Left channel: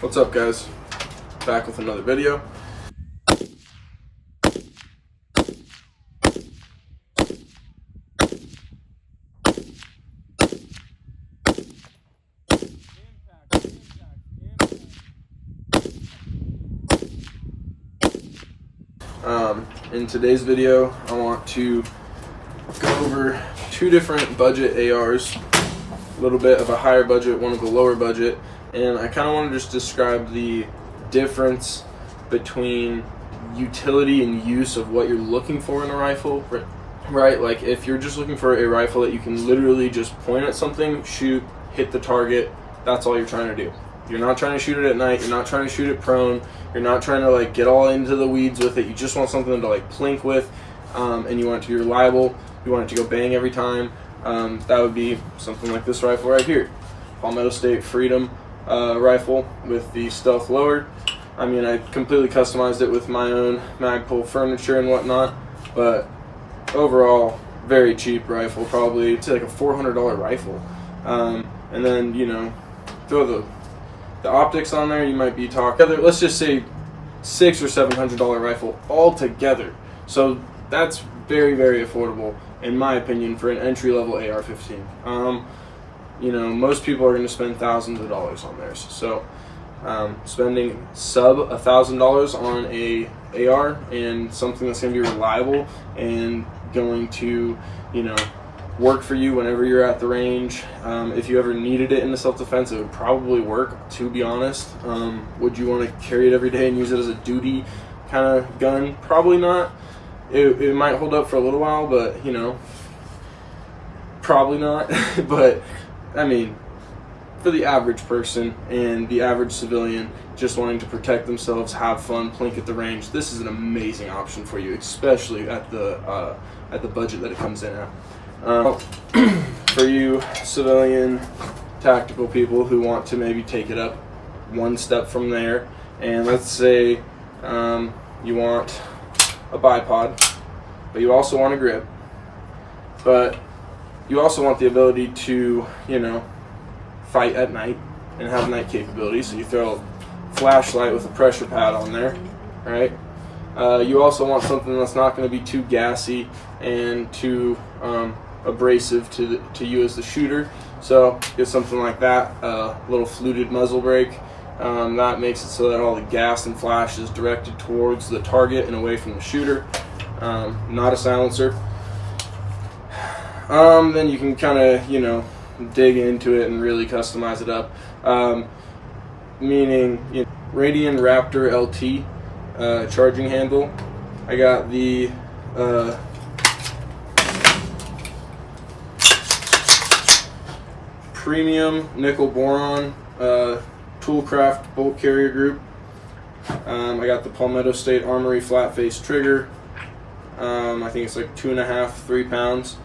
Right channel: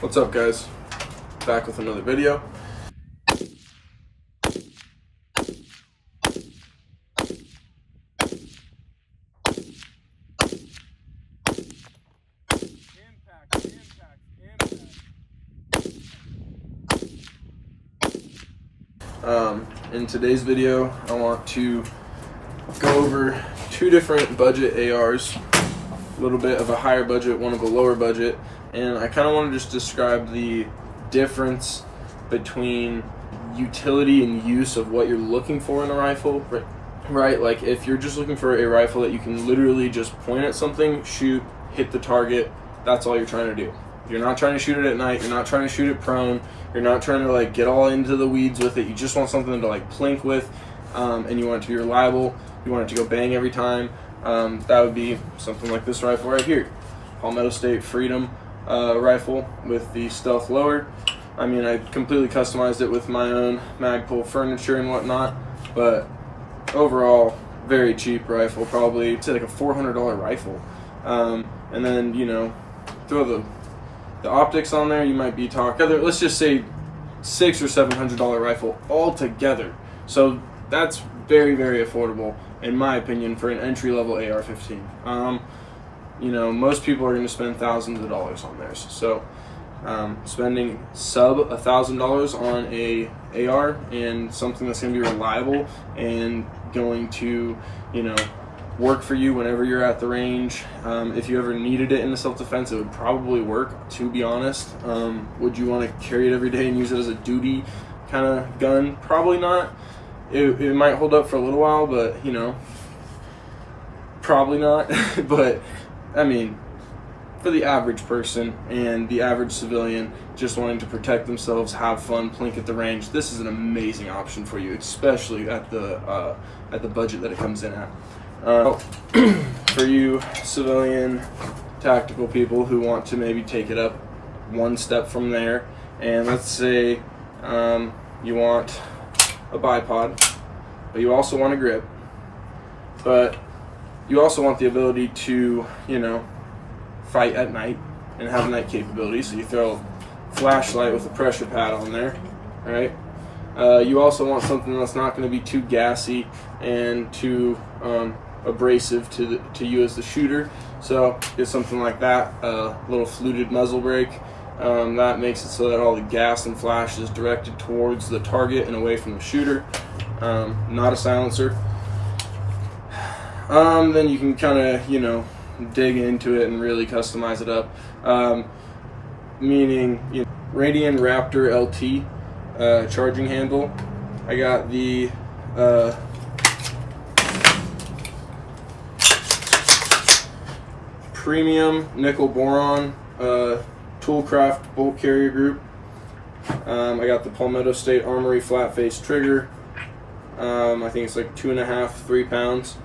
What's up, guys? Back with another video. In today's video, I want to go over two different budget ARs, a little bit of a higher budget, one of a lower budget, and I kind of want to just describe the difference between utility and use of what you're looking for in a rifle, right? Like if you're just looking for a rifle that you can literally just point at something, shoot, hit the target, that's all you're trying to do. You're not trying to shoot it at night, you're not trying to shoot it prone, you're not trying to like get all into the weeds with it, you just want something to like plink with, and you want it to be reliable, you want it to go bang every time. That would be something like this rifle right here, Palmetto State Freedom rifle with the stealth lowered. I mean, I completely customized it with my own Magpul furniture and whatnot, but overall, very cheap rifle, probably say like a $400 rifle. And then, you know, throw the optics on there, you might be talking, let's just say $600 or $700 rifle altogether. So that's very, very affordable in my opinion for an entry-level AR-15. You know, most people are going to spend thousands of dollars on theirs. So spending sub $1,000 on a AR and something that's going to be reliable and going to, you know, work for you whenever you're at the range. If you ever needed it in the self-defense, it would probably work, to be honest. Would you want to carry it every day and use it as a duty kind of gun? Probably not. It might hold up for a little while, but, you know, probably not. But, I mean, for the average person and the average civilian just wanting to protect themselves, have fun, plink at the range, this is an amazing option for you, especially at the budget that it comes in at. For you civilian tactical people who want to maybe take it up one step from there, and let's say you want a bipod, but you also want a grip, but you also want the ability to, you know, fight at night and have night capability, so you throw a flashlight with a pressure pad on there, right? You also want something that's not going to be too gassy and too abrasive to you as the shooter, so get something like that, a little fluted muzzle brake. That makes it so that all the gas and flash is directed towards the target and away from the shooter. Not a silencer. Then you can kind of, you know, dig into it and really customize it up. Meaning, you know, Radian Raptor LT charging handle. I got the premium nickel boron Toolcraft bolt carrier group. I got the Palmetto State Armory flat face trigger. I think it's like 2.5, 3 pounds.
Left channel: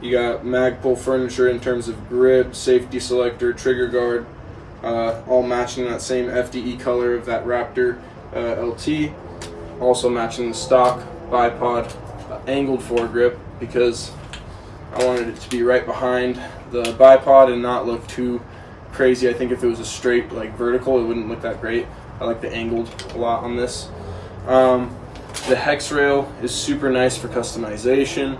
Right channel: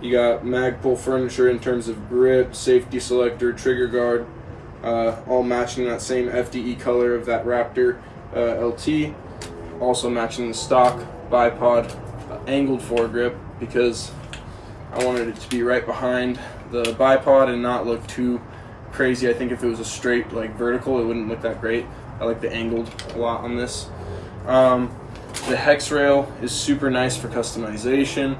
You got Magpul furniture in terms of grip, safety selector, trigger guard, all matching that same FDE color of that Raptor LT. Also matching the stock bipod angled foregrip because I wanted it to be right behind the bipod and not look too crazy. I think if it was a straight like vertical, it wouldn't look that great. I like the angled a lot on this. The hex rail is super nice for customization.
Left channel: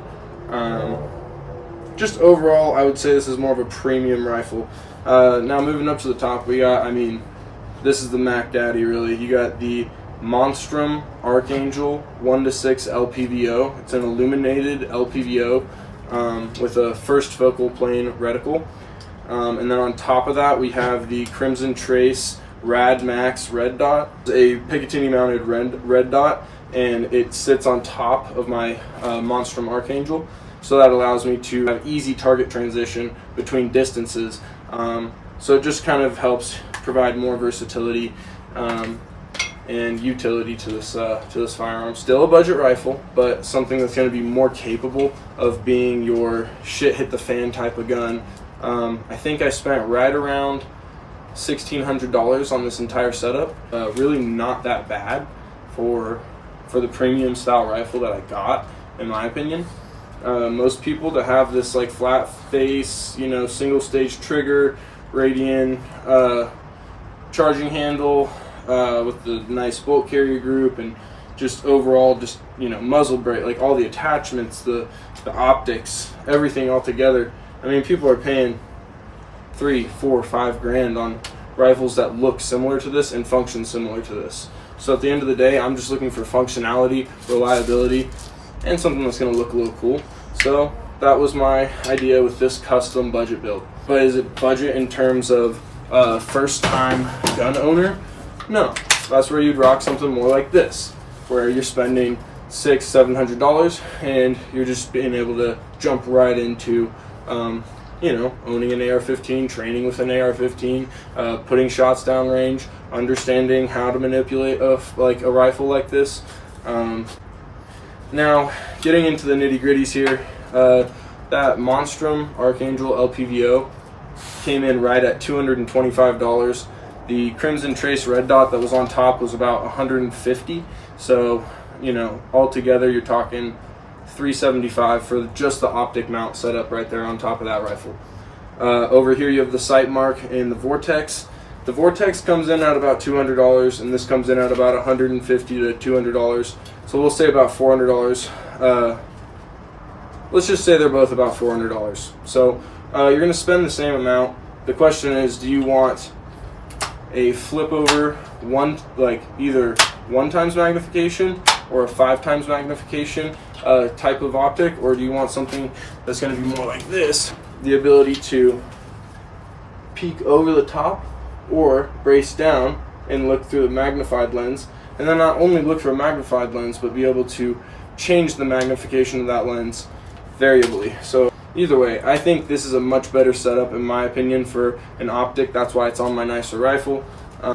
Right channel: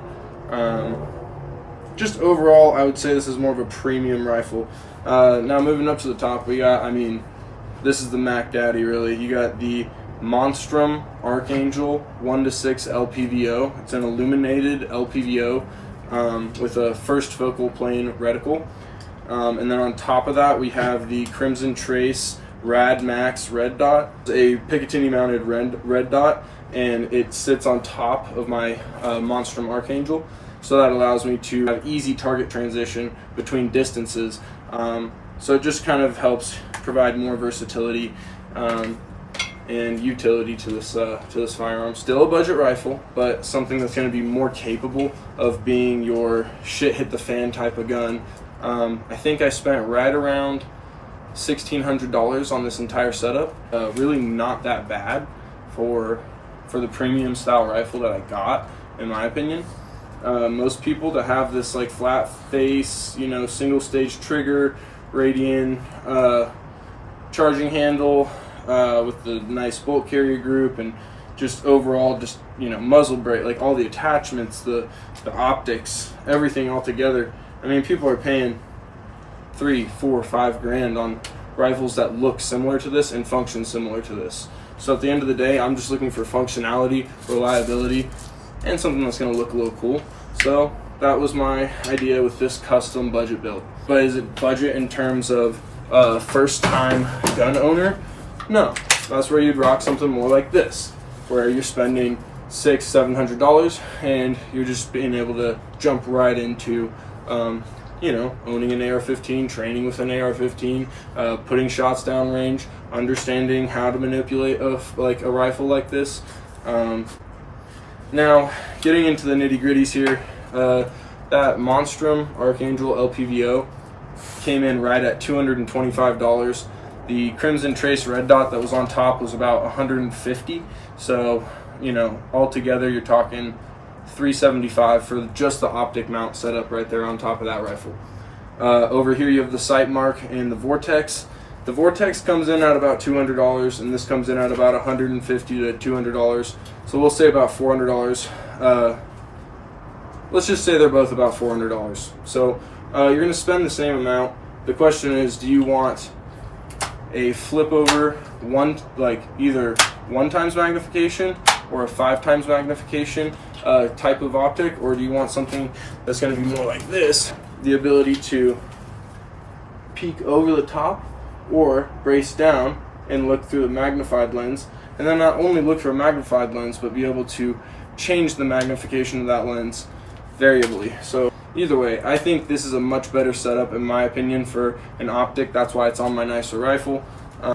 Just overall, I would say this is more of a premium rifle. Now moving up to the top, we got, I mean, this is the Mac Daddy really. You got the Monstrum Archangel 1:6 LPVO. It's an illuminated LPVO with a first focal plane reticle. And then on top of that, we have the Crimson Trace Rad Max red dot, a Picatinny mounted red dot, and it sits on top of my Monstrum Archangel. So that allows me to have easy target transition between distances. So it just kind of helps provide more versatility and utility to this firearm. Still a budget rifle, but something that's going to be more capable of being your shit hit the fan type of gun. I think I spent right around $1,600 on this entire setup. Really not that bad for the premium style rifle that I got, in my opinion. Most people to have this like flat face, you know, single stage trigger, Radian charging handle with the nice bolt carrier group, and just overall, just, you know, muzzle brake, like all the attachments, the optics, everything all together. I mean, people are paying $3, $4, $5 grand on rifles that look similar to this and function similar to this. So at the end of the day, I'm just looking for functionality, reliability, and something that's going to look a little cool. So that was my idea with this custom budget build. But is it budget in terms of first time gun owner? No, that's where you'd rock something more like this, where you're spending $600-$700 and you're just being able to jump right into you know, owning an AR-15, training with an AR-15, putting shots down range, understanding how to manipulate a rifle like this. Now, getting into the nitty-gritties here, that Monstrum Archangel LPVO came in right at $225. The Crimson Trace Red Dot that was on top was about $150. So, you know, altogether you're talking $375 for just the optic mount setup right there on top of that rifle. Over here you have the sight mark and the Vortex. The Vortex comes in at about $200, and this comes in at about $150 to $200. So we'll say about $400. Let's just say they're both about $400. So you're going to spend the same amount. The question is, do you want a flip over either 1x magnification or a 5x magnification type of optic, or do you want something that's going to be more like this, the ability to peek over the top or brace down and look through the magnified lens, and then not only look for a magnified lens but be able to change the magnification of that lens variably. So either way, I think this is a much better setup in my opinion for an optic. That's why it's on my nicer rifle.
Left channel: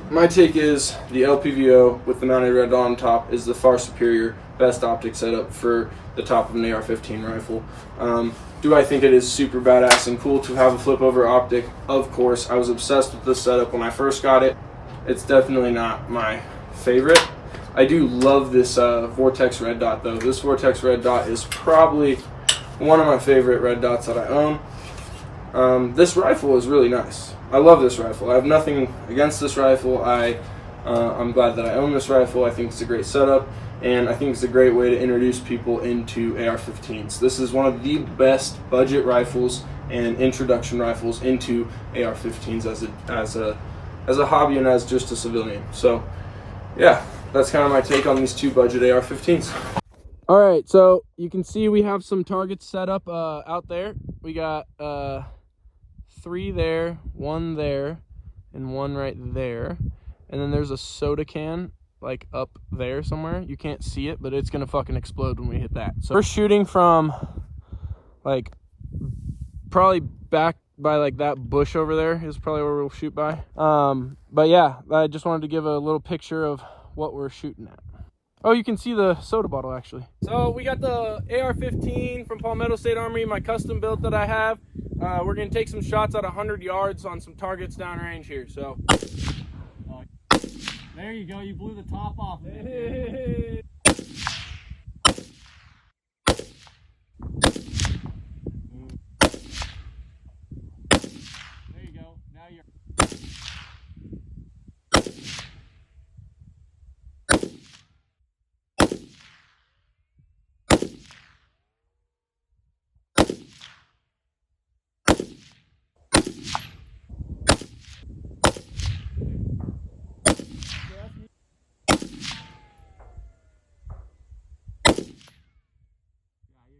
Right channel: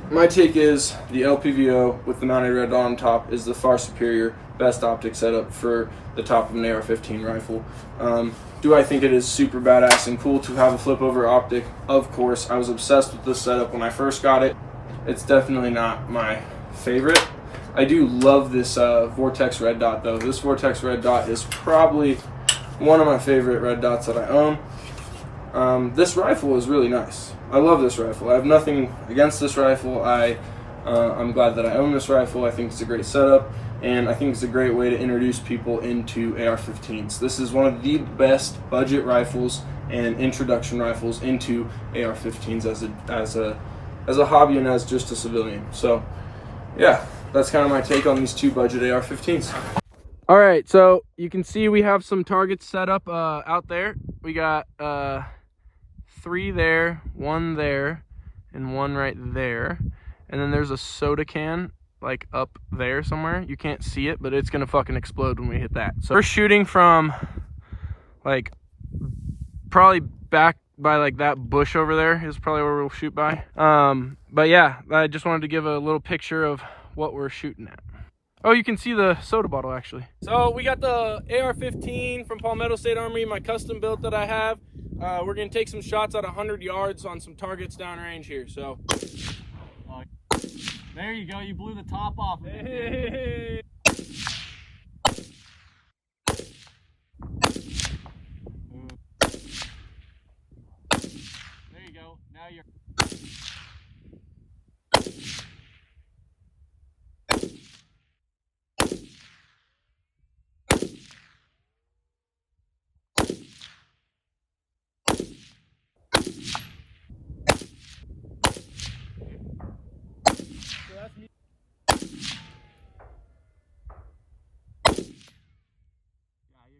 My take is the LPVO with the mounted red dot on top is the far superior, best optic setup for the top of an AR-15 rifle. Do I think it is super badass and cool to have a flip over optic? Of course. I was obsessed with this setup when I first got it. It's definitely not my favorite. I do love this Vortex red dot though. This Vortex red dot is probably one of my favorite red dots that I own. This rifle is really nice. I love this rifle. I have nothing against this rifle. I'm glad that I own this rifle. I think it's a great setup, and I think it's a great way to introduce people into AR-15s. This is one of the best budget rifles and introduction rifles into AR-15s as a hobby and as just a civilian. So yeah, that's kind of my take on these two budget AR-15s. All right, so you can see we have some targets set up out there. We got 3 there, 1 there, and 1 right there. And then there's a soda can like up there somewhere. You can't see it, but it's gonna fucking explode when we hit that. So we're shooting from like probably back by like that bush over there is probably where we'll shoot by. But yeah, I just wanted to give a little picture of what we're shooting at. Oh, you can see the soda bottle actually. So we got the AR-15 from Palmetto State Armory, my custom built that I have. We're gonna take some shots at 100 yards on some targets downrange here. So there you go. You blew the top off of it. Hey. There you go. Now you're.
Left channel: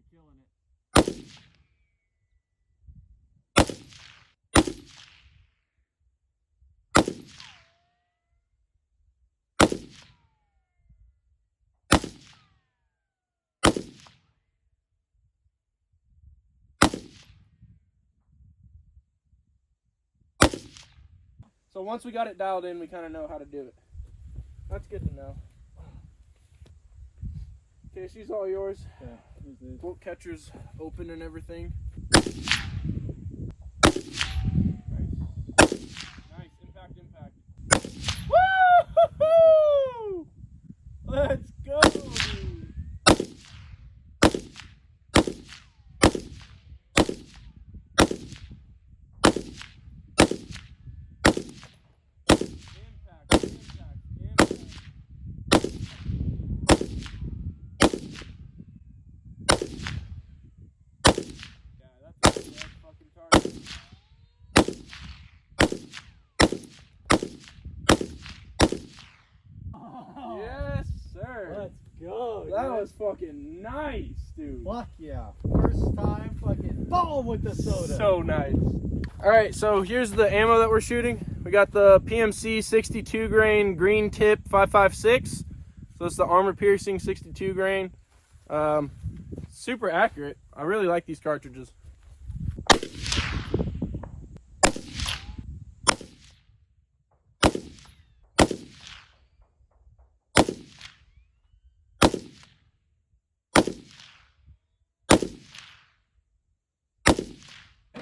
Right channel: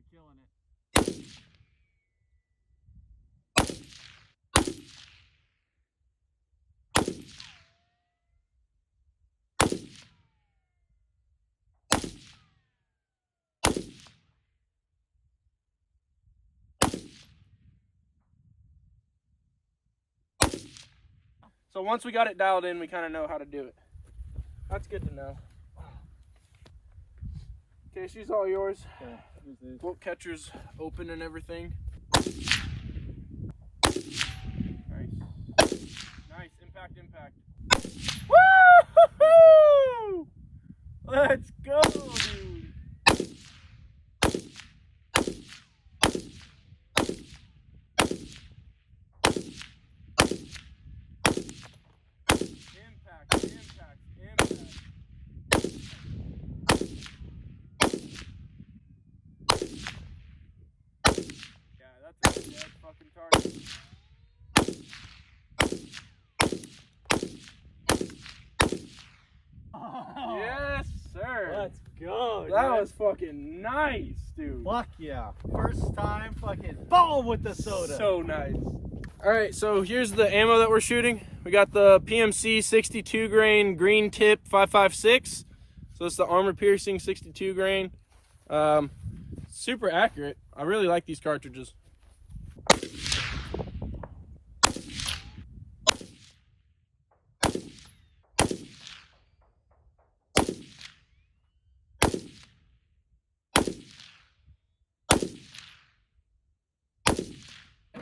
Killing it. So once we got it dialed in, we kind of know how to do it. That's good to know. Okay, she's all yours. Yeah, bolt catcher's open and everything. Nice, impact. Woo! Let's go, dude. was fucking nice, dude. Fuck yeah. First time fucking boom with the soda. So nice. All right, so here's the ammo that we're shooting. We got the PMC 62 grain green tip 5.56. So it's the armor piercing 62 grain. Super accurate. I really like these cartridges.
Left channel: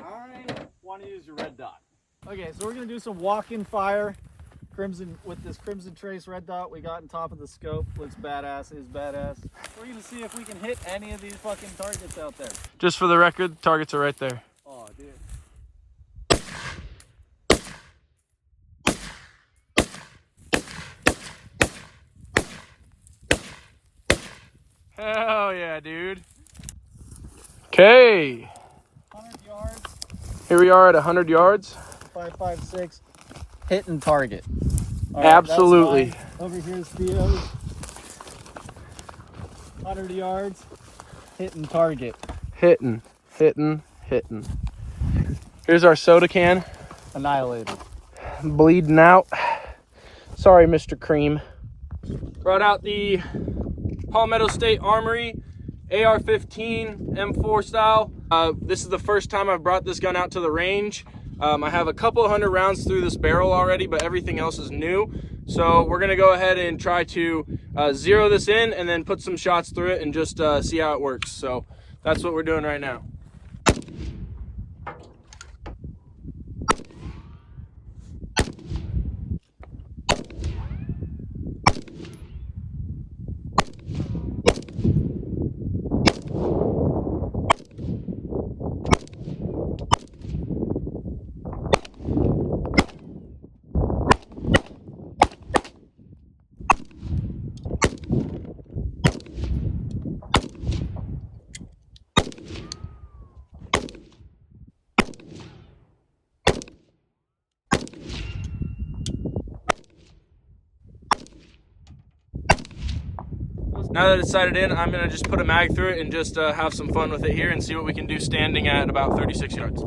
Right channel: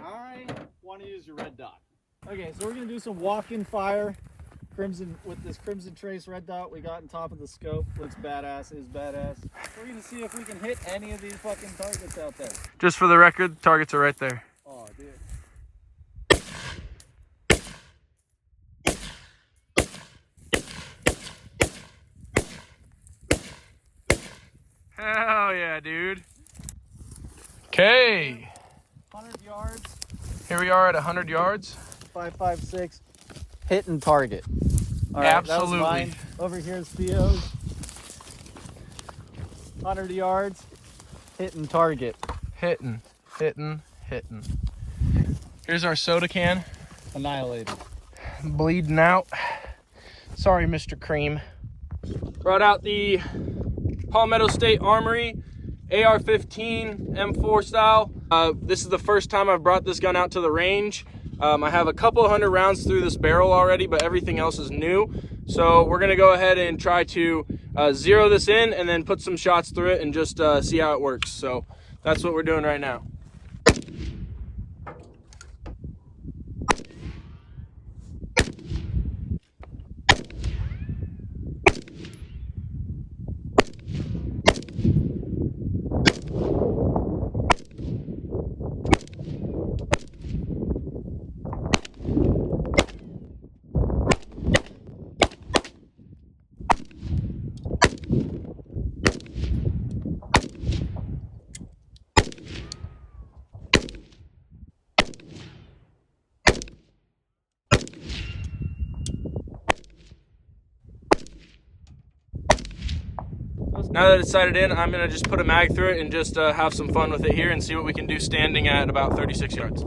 I want to use your red dot. Okay, so we're gonna do some walk-in fire. Crimson with this Crimson Trace red dot we got on top of the scope. Looks badass, is badass. We're gonna see if we can hit any of these fucking targets out there. Just for the record, targets are right there. Oh, dude. Hell yeah, dude. Okay. 100 yards. Here we are at 100 yards. 5.56. Hitting target. All right, Absolutely. that was mine. Over here's Theo's. 100 yards. Hitting target. Hitting. Here's our soda can. Annihilated. Bleeding out. Sorry, Mr. Cream. Brought out the Palmetto State Armory AR-15 M4 style. This is the first time I've brought this gun out to the range. I have a couple hundred rounds through this barrel already, but everything else is new. So we're gonna go ahead and try to zero this in and then put some shots through it and just see how it works. So that's what we're doing right now. Now that it's sighted in, I'm gonna just put a mag through it and just have some fun with it here and see what we can do standing at about 36 yards.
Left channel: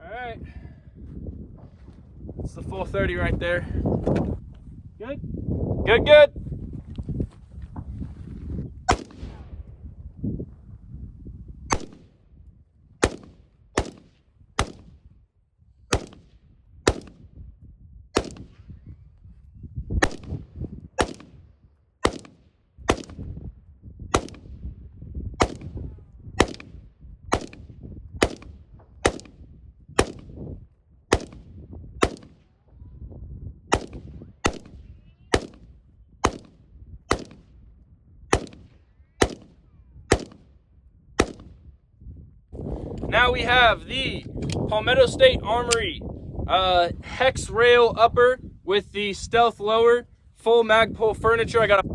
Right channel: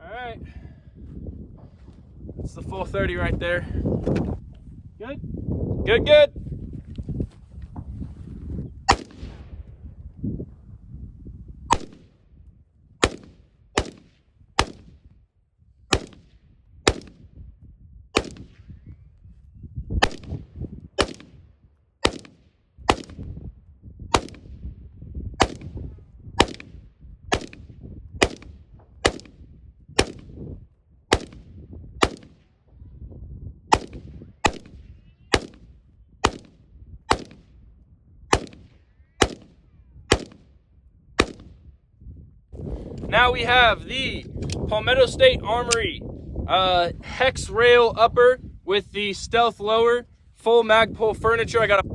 Alright, it's the full 30 right there. Good? Good. Now we have the Palmetto State Armory hex rail upper with the stealth lower, full Magpul furniture. I got a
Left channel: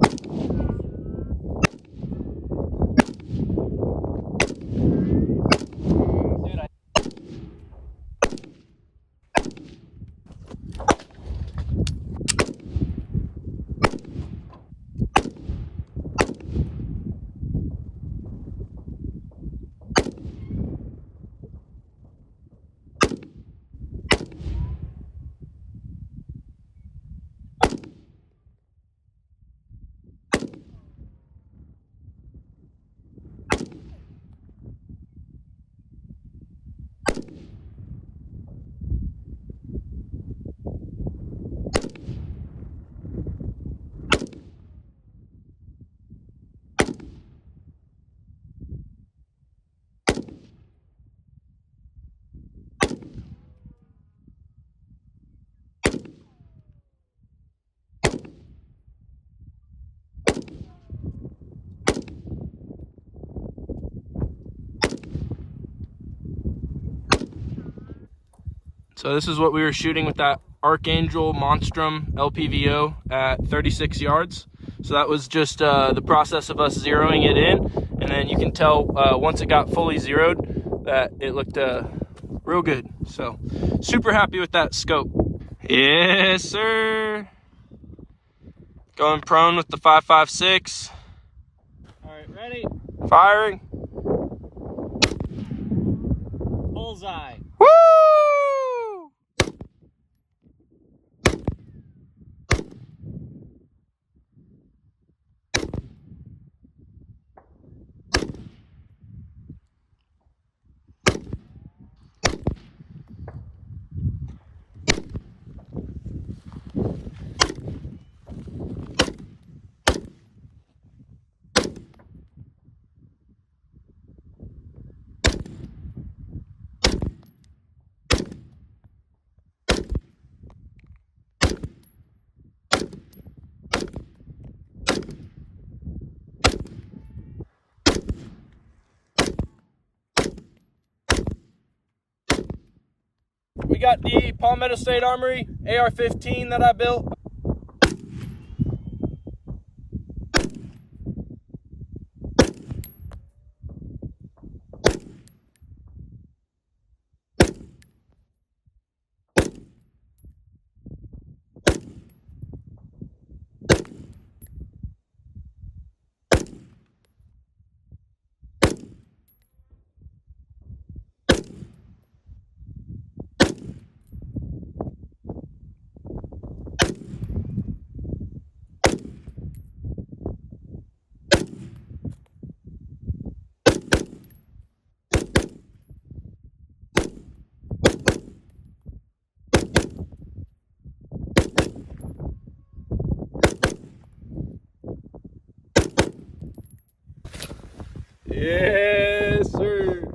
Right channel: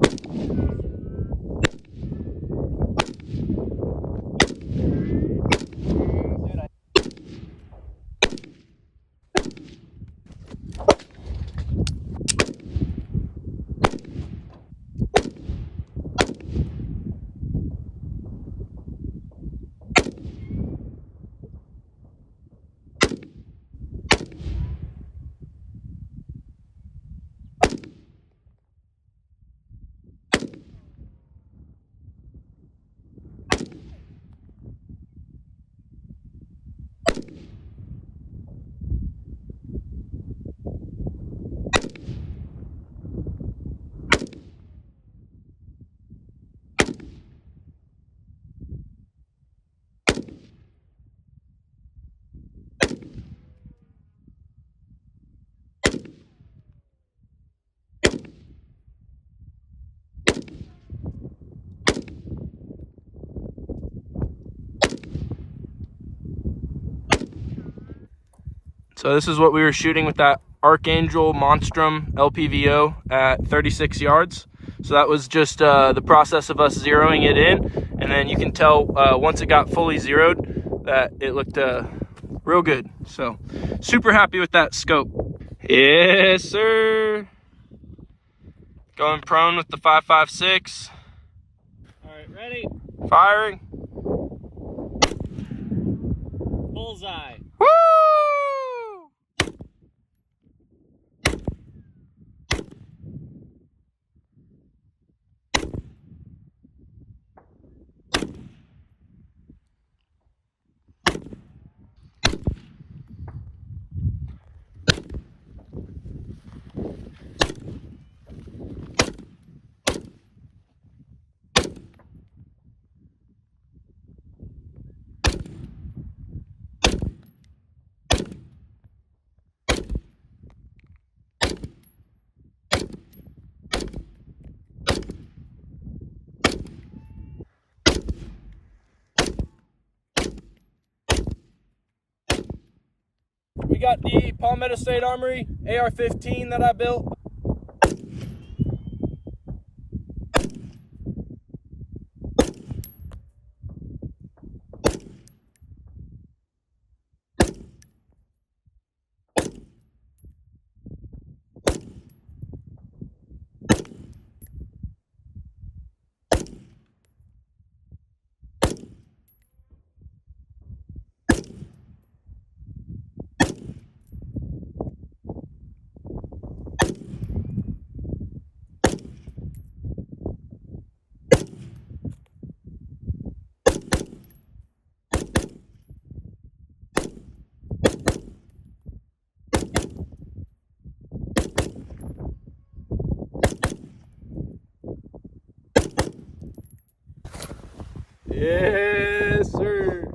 So this is what we were shooting with that Archangel Monstrum LPVO at 36 yards. So that was just the process of us zeroing it in, and then you can tell once it got fully zeroed that it looked real good. So super happy with that scope. Yes, sir. Going prone with the 5.56. All right, ready? Firing. Bullseye. Woo! We got the Palmetto State Armory AR-15 that I built.